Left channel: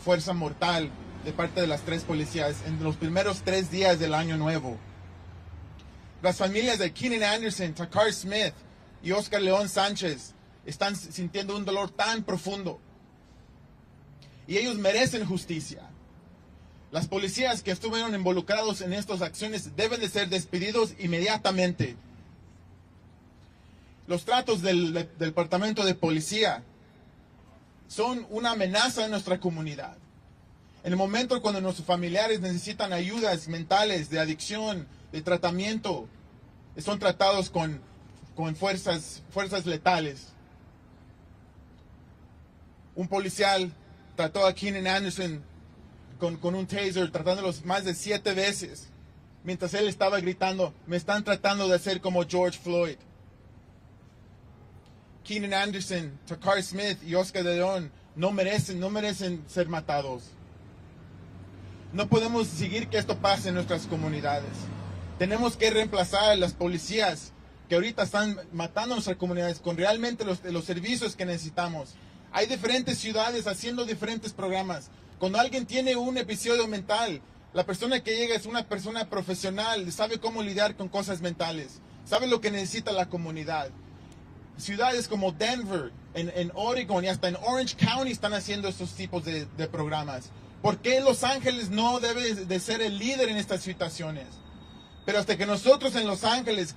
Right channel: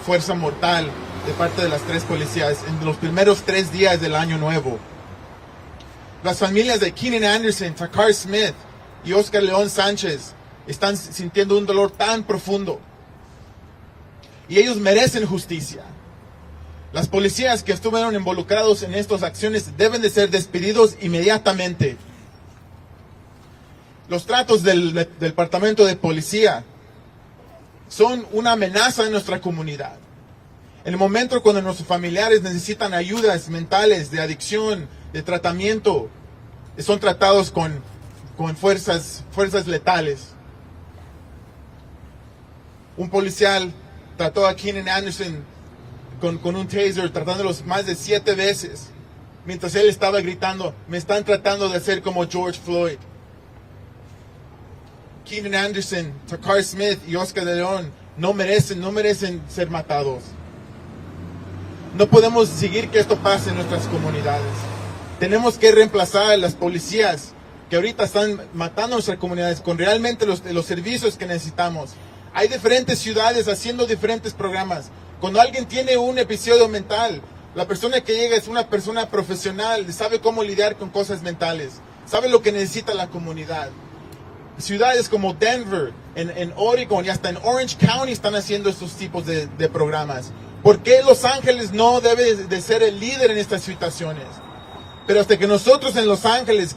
fuerza mortal de parte de las 3 policías en los primeros 3 días del año nuevo. Las familias de Keenan Anderson, Takar Smith y Oscar León Sánchez están sintiendo un dolor tan profundo. Y ellos merecen justicia. Las policías que estuvieron involucrados en estas acciones deben de ser despedidos inmediatamente. Los tratos del departamento de policía son una amenaza en nuestra comunidad. En el momento cuando nuestros familiares necesitan ayudas mentales, de adicción, de tratamiento, son tratados con fuerzas letales. Un policial trató a Keenan Anderson con un taser, tratándolos más de 7 veces, mientras él estaba gritando, me están tratando de hacer como George Floyd. Keenan Anderson, Takar Smith y Oscar de León no merecen ser matados. No podemos seguir que esto pase en nuestras comunidades. Tenemos que reemplazar a las policías que ahorita están matando a nuestras comunidades con realmente los servicios que necesitamos. Hay diferentes ciudades haciendo diferentes programas. Cuando alguien tiene un episodio mental, la persona que llega es una persona profesional, sabe cómo lidiar con cosas mentales, sabe lo que necesita la comunidad. Ciudades como Denver, en Oregon y hasta en Orange County están haciendo estos tipos de programas. ¿Por qué Los Ángeles no debe de ser el líder en estas situaciones? Pero hasta que nosotros en Los Ángeles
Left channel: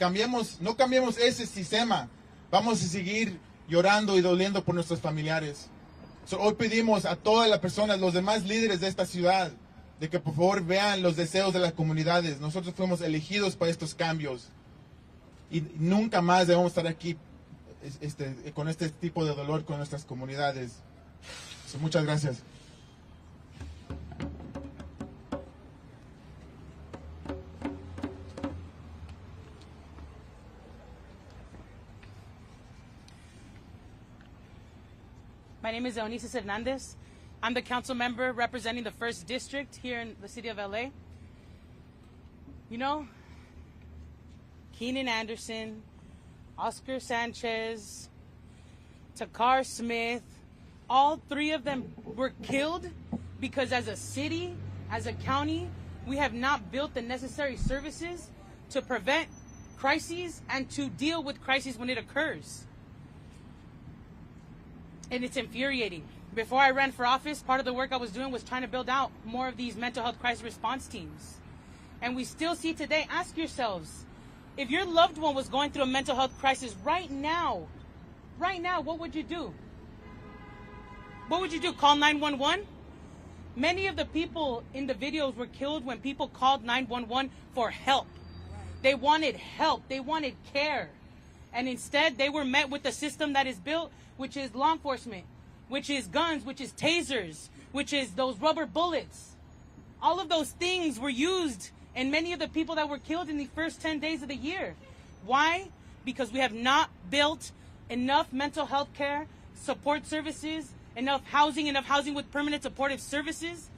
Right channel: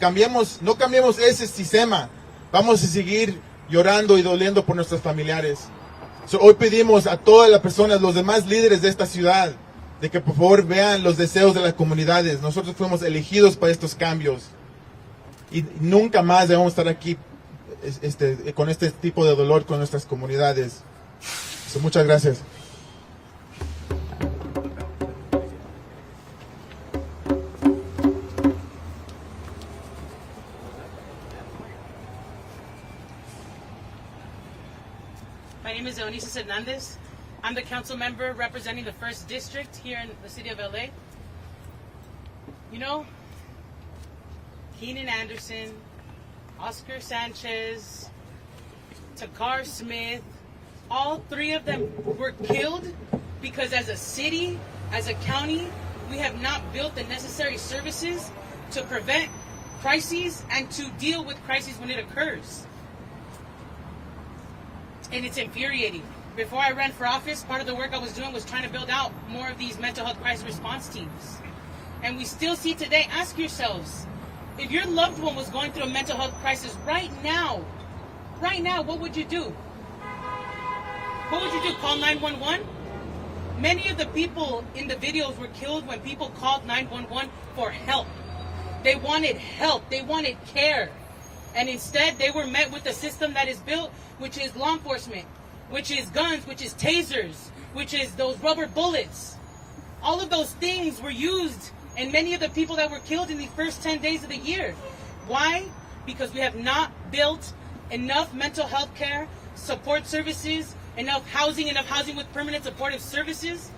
no cambiemos ese sistema, vamos a seguir llorando y doliendo por nuestros familiares. Hoy pedimos a todas las personas, los demás líderes de esta ciudad, de que por favor vean los deseos de las comunidades. Nosotros fuimos elegidos para estos cambios y nunca más debemos estar aquí con este tipo de dolor con nuestras comunidades. Muchas gracias. My name is Eunice Hernandez. I'm the council member representing the 1st District here in the city of LA. You know, Keenan Anderson, Oscar Sanchez, Takar Smith, all 3 of them were killed because as a city, as a county, we have not built the necessary services to prevent crises and to deal with crises when it occurs. And it's infuriating. Before I ran for office, part of the work I was doing was trying to build out more of these mental health crisis response teams. And we still see today, ask yourselves, if your loved one was going through a mental health crisis right now, what would you do? What would you do? Call 911? Many of the people in the videos were killed when people called 911 for help. They wanted help. They wanted care. And instead, they were met with a system that is built, which is law enforcement, which is guns, which is tasers, which is those rubber bullets. All of those things were used in many of the people that were killed in the first 10 days of the year. Why? Because we have not built enough mental health care, support services, enough housing with permanent supportive services.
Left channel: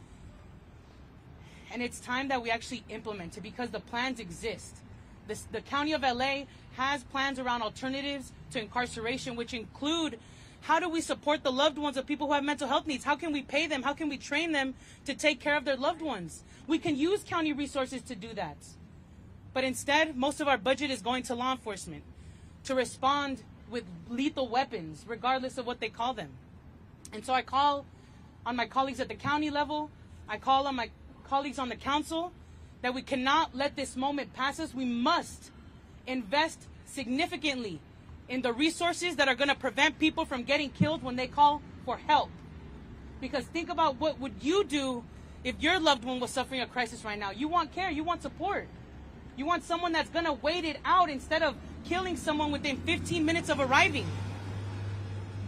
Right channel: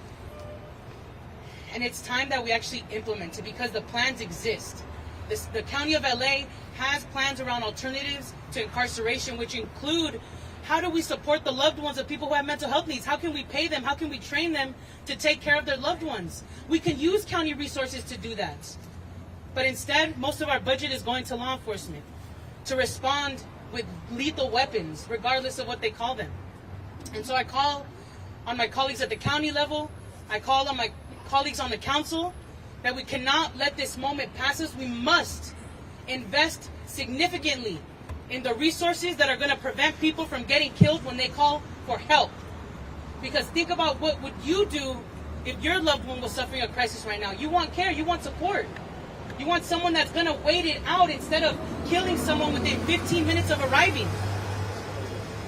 And it's time that we actually implement it because the plans exist. The County of LA has plans around alternatives to incarceration, which include how do we support the loved ones of people who have mental health needs? How can we pay them? How can we train them to take care of their loved ones? We can use county resources to do that. But instead, most of our budget is going to law enforcement to respond with lethal weapons, regardless of what they call them. And so I call on my colleagues at the county level, I call on my colleagues on the council, that we cannot let this moment pass us. We must invest significantly in the resources that are going to prevent people from getting killed when they call for help. Because think about what would you do if your loved one was suffering a crisis right now. You want care, you want support. You want someone that's going to wait it out instead of killing someone within 15 minutes of arriving.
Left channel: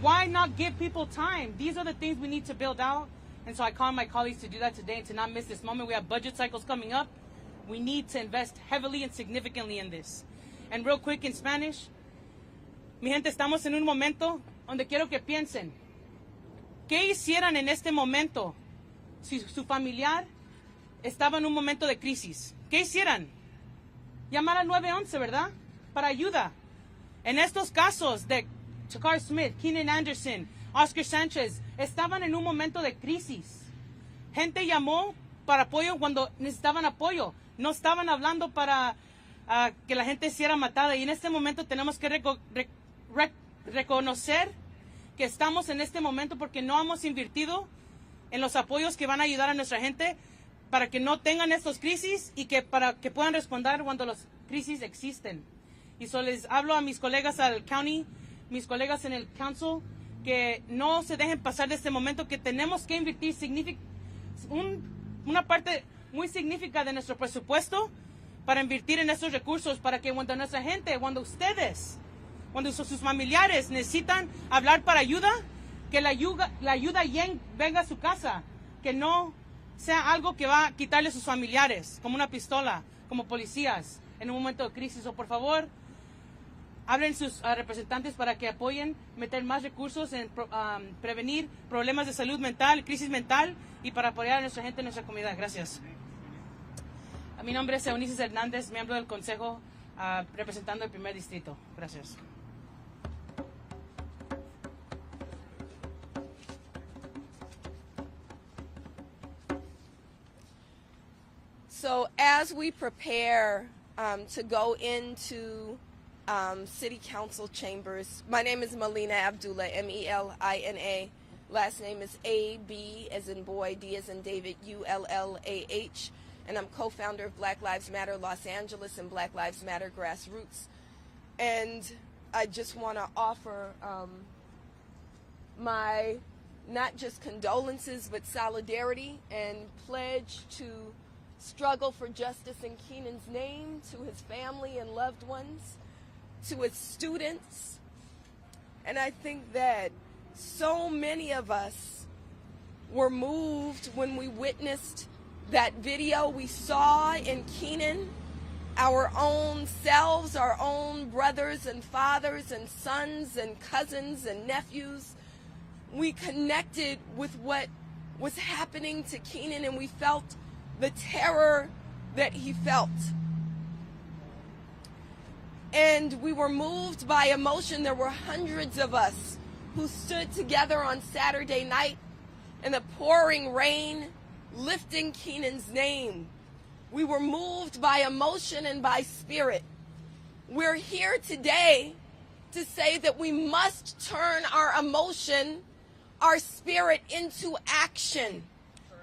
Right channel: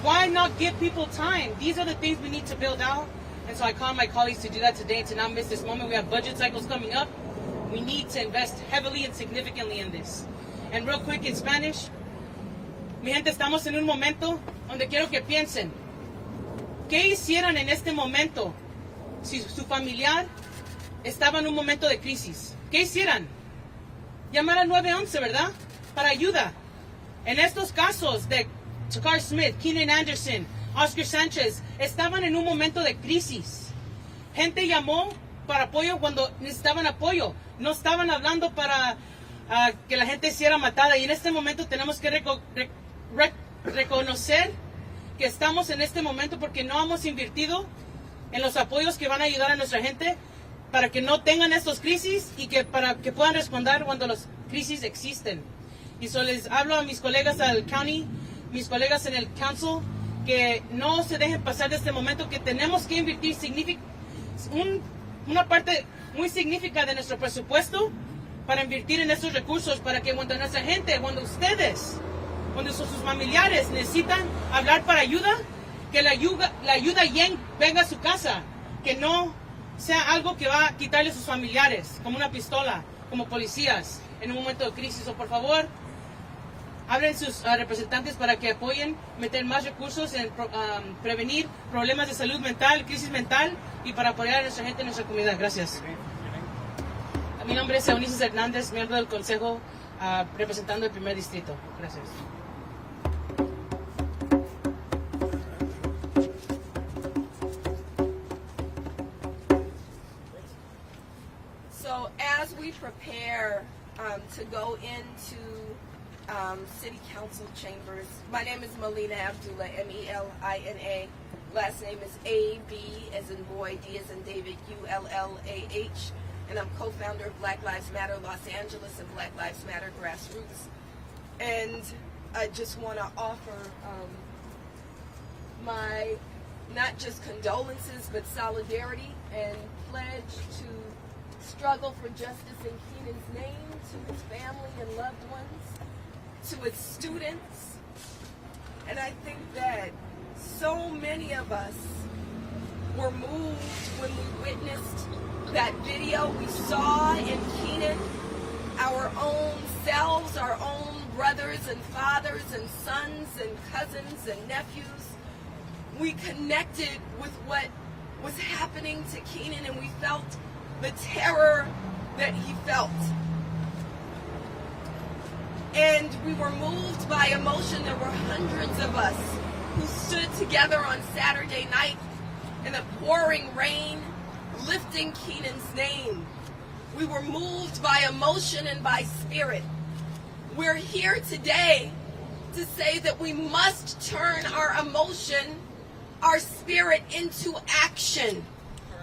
Why not give people time? These are the things we need to build out. And so I call my colleagues to do that today, to not miss this moment. We have budget cycles coming up. We need to invest heavily and significantly in this. And real quick in Spanish, mi gente, estamos en un momento donde quiero que piensen, ¿qué hicieran en este momento si su familiar estaba en un momento de crisis? ¿Qué hicieran? Llamar al 911, ¿verdad? Para ayuda. En estos casos de Takar Smith, Keenan Anderson, Oscar Sánchez, estaban en un momento de crisis. Gente llamó para apoyo cuando necesitaban apoyo. No estaban hablando para que la gente sea matada. Y en este momento tenemos que reconocer que estamos en este momento porque no hemos invertido en los apoyos que van a ayudar a nuestra gente para que no tengan estas crisis y que para que puedan responder cuando las crisis existen. Y so les hablo a mis colegas al county, mis colegas en el council, que no se dejen pasar de este momento, que tenemos que invertir una parte muy significativa de nuestro presupuesto para invertir en estos recursos, para que cuando nuestra gente, cuando ustedes, cuando sus familiares necesitan hablar para ayuda, que la ayuda venga a su casa, que no sea algo que va a quitarle a sus familiares, como una pistola, como policías, en un momento de crisis. O por favor, hablen sus representantes para que apoyen, meter más recursos en prevenir problemas de salud mental, crisis mental, y para apoyar a nuestra gente en nuestra comunidad. Gracias. Mi nombre es Eunices Hernández, miembro del Consejo, representando el primer distrito. Gracias. So as we prepare to go into City Council chambers, my name is Melina Abdullah, M-E-L-I-N-A. Last name is A-B as in boy, D as in David, U-L-L-A-H. And I'm co-founder of Black Lives Matter Los Angeles and Black Lives Matter Grassroots. And I just want to offer my not just condolences but solidarity and pledge to struggle for justice in Keenan's name, to his family and loved ones, to his students. And I think that so many of us were moved when we witnessed that video we saw in Keenan, our own selves, our own brothers and fathers and sons and cousins and nephews. We connected with what was happening to Keenan, and we felt the terror that he felt. And we were moved by emotion. There were hundreds of us who stood together on Saturday night in the pouring rain, lifting Keenan's name. We were moved by emotion and by spirit. We're here today to say that we must turn our emotion, our spirit into action.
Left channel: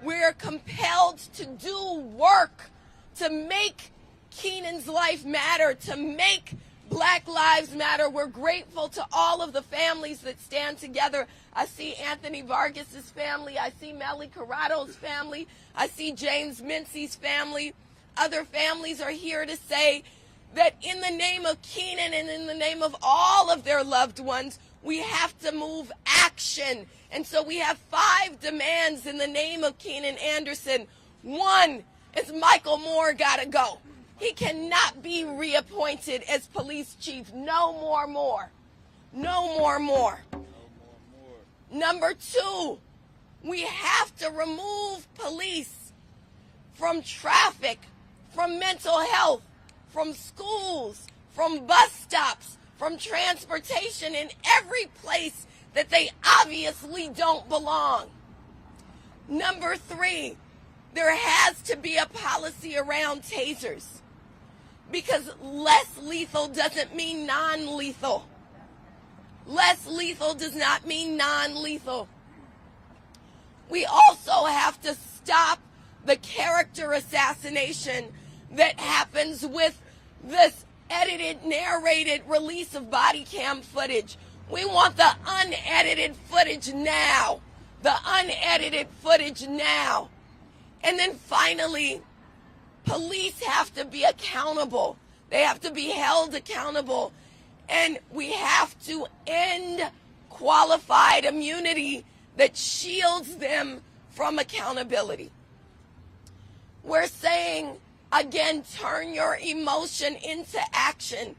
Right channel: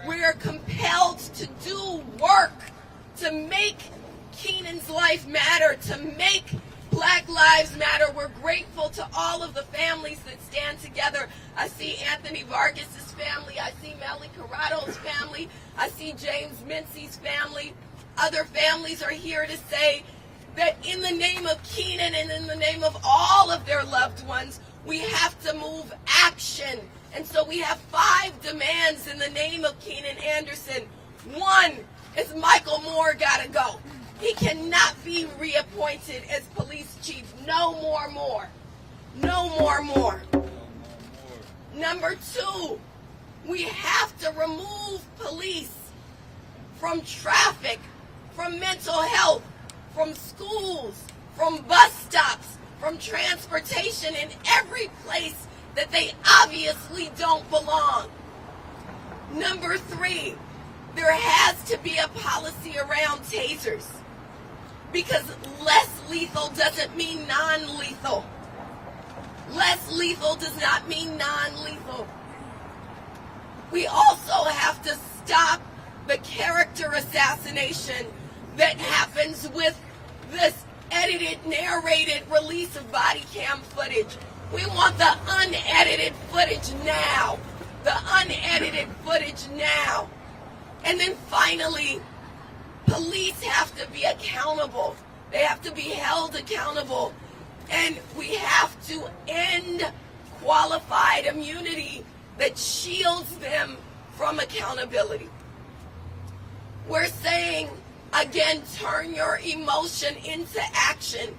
We're compelled to do work to make Keenan's life matter, to make Black Lives Matter. We're grateful to all of the families that stand together. I see Anthony Vargas's family. I see Melly Corrado's family. I see James Mincy's family. Other families are here to say that in the name of Keenan and in the name of all of their loved ones, we have to move action. And so we have 5 demands in the name of Keenan Anderson. 1 is Michael Moore got to go. He cannot be reappointed as police chief. No more Moore. No more Moore. Number 2, we have to remove police from traffic, from mental health, from schools, from bus stops, from transportation, in every place that they obviously don't belong. Number 3, there has to be a policy around tasers, because less lethal doesn't mean non-lethal. Less lethal does not mean non-lethal. We also have to stop the character assassination that happens with this edited, narrated release of body cam footage. We want the unedited footage now. The unedited footage now. And then finally, police have to be accountable. They have to be held accountable. And we have to end qualified immunity that shields them from accountability. We're saying, again, turn your emotion into action.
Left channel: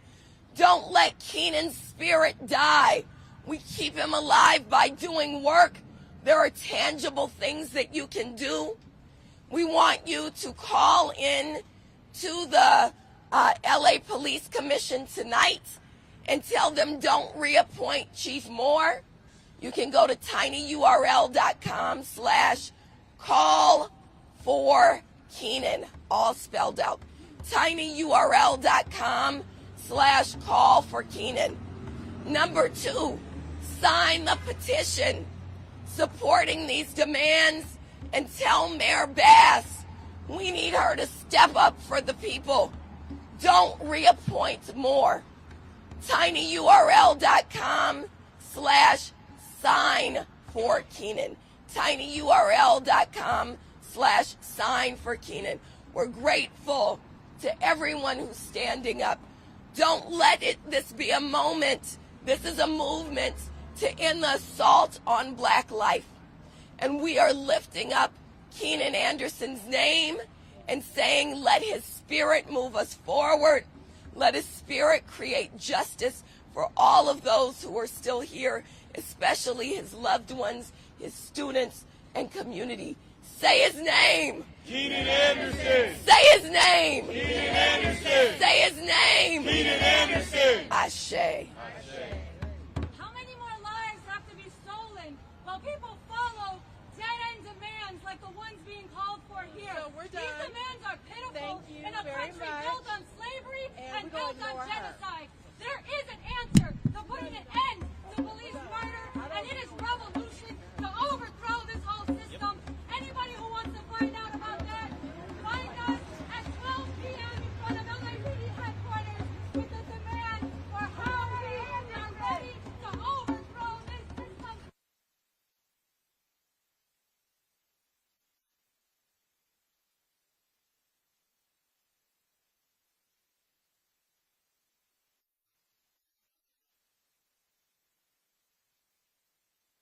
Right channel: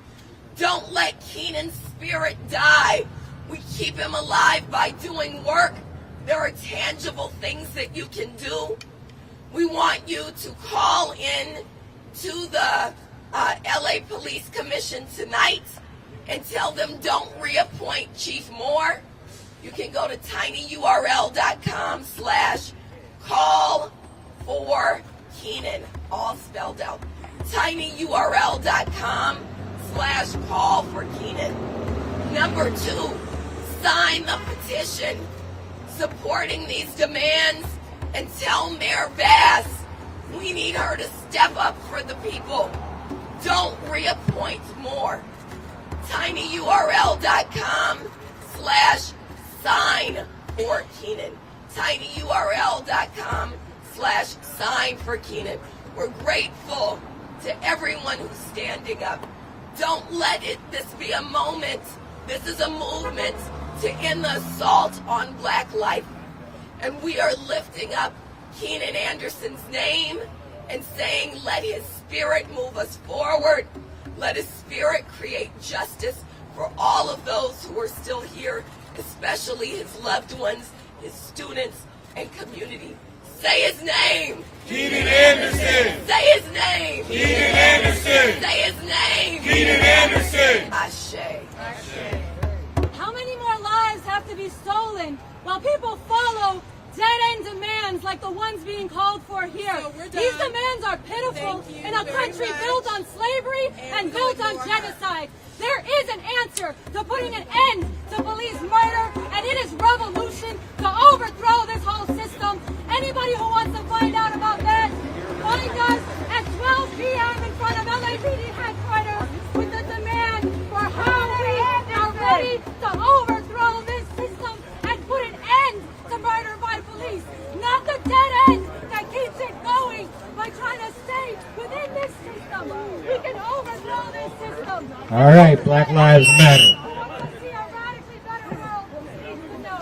Don't let Keenan's spirit die. We keep him alive by doing work. There are tangible things that you can do. We want you to call in to the LA Police Commission tonight and tell them don't reappoint Chief Moore. You can go to tinyurl.com/call4Keenan, all spelled out. tinyurl.com/call4Keenan. Number 2, sign the petition supporting these demands and tell Mayor Bass we need her to step up for the people. Don't reappoint more. tinyurl.com/sign4Keenan. tinyurl.com/sign4Keenan. We're grateful to everyone who's standing up. Don't let this be a moment. This is a movement to end the assault on Black life. And we are lifting up Keenan Anderson's name and saying, let his spirit move us forward. Let his spirit create justice for all of those who are still here, especially his loved ones, his students, and community. Say his name. Keenan Anderson. Say his name. Keenan Anderson. Say his name. Keenan Anderson. Ashe. How many more lives have to be stolen while people follow dead-end demands like the ones being called for here? These demands are pitiful in a country built on slavery and built on genocide. There is an answer to putting an end to police murder, and it is revolution to overthrow this whole system. Anybody who wants to find out about that, find us at 12 p.m. in front of LAPD headquarters with the demand for how we are ready to overthrow this system and put an end to murder by police. Not the dead end that keeps it going by trying to stay within this system. We can overthrow this system. All right, Black Lives Matter.